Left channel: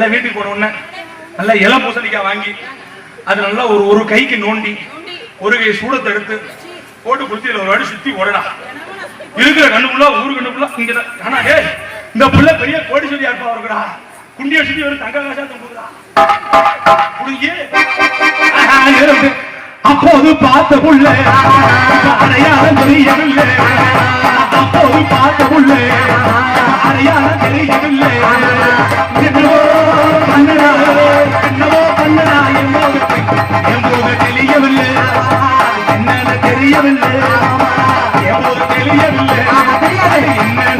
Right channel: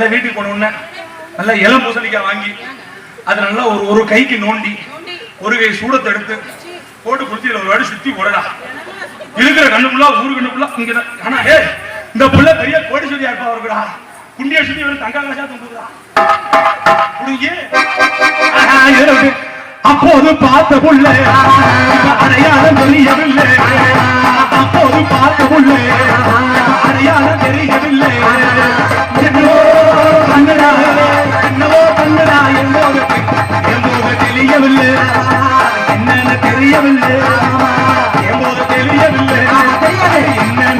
நல்லா வீட்டுக்கு போனோம்னு நல்லா இளம் பூசணிக்காய் வாங்கி அது நல்லா ஒரு கைக்கு நோண்டி ஒரு கை சூடத்தை எடுத்து போட்டு குடிச்சில ஒரு வாடி சுத்தி போடலாம் இருக்கிற கண்ணுக்குள்ள ஊரு கண்ணுக்குள்ள இங்க ஆனா இந்த புள்ள பெரிய கோடீஸ்வரியா இருக்கா குண்டிய சுத்தி ஒரு தங்க காசா தந்துடா அப்போது பார்த்த புள்ள அடையாளம் தெரியவில்லை அப்போது பார்த்த புள்ள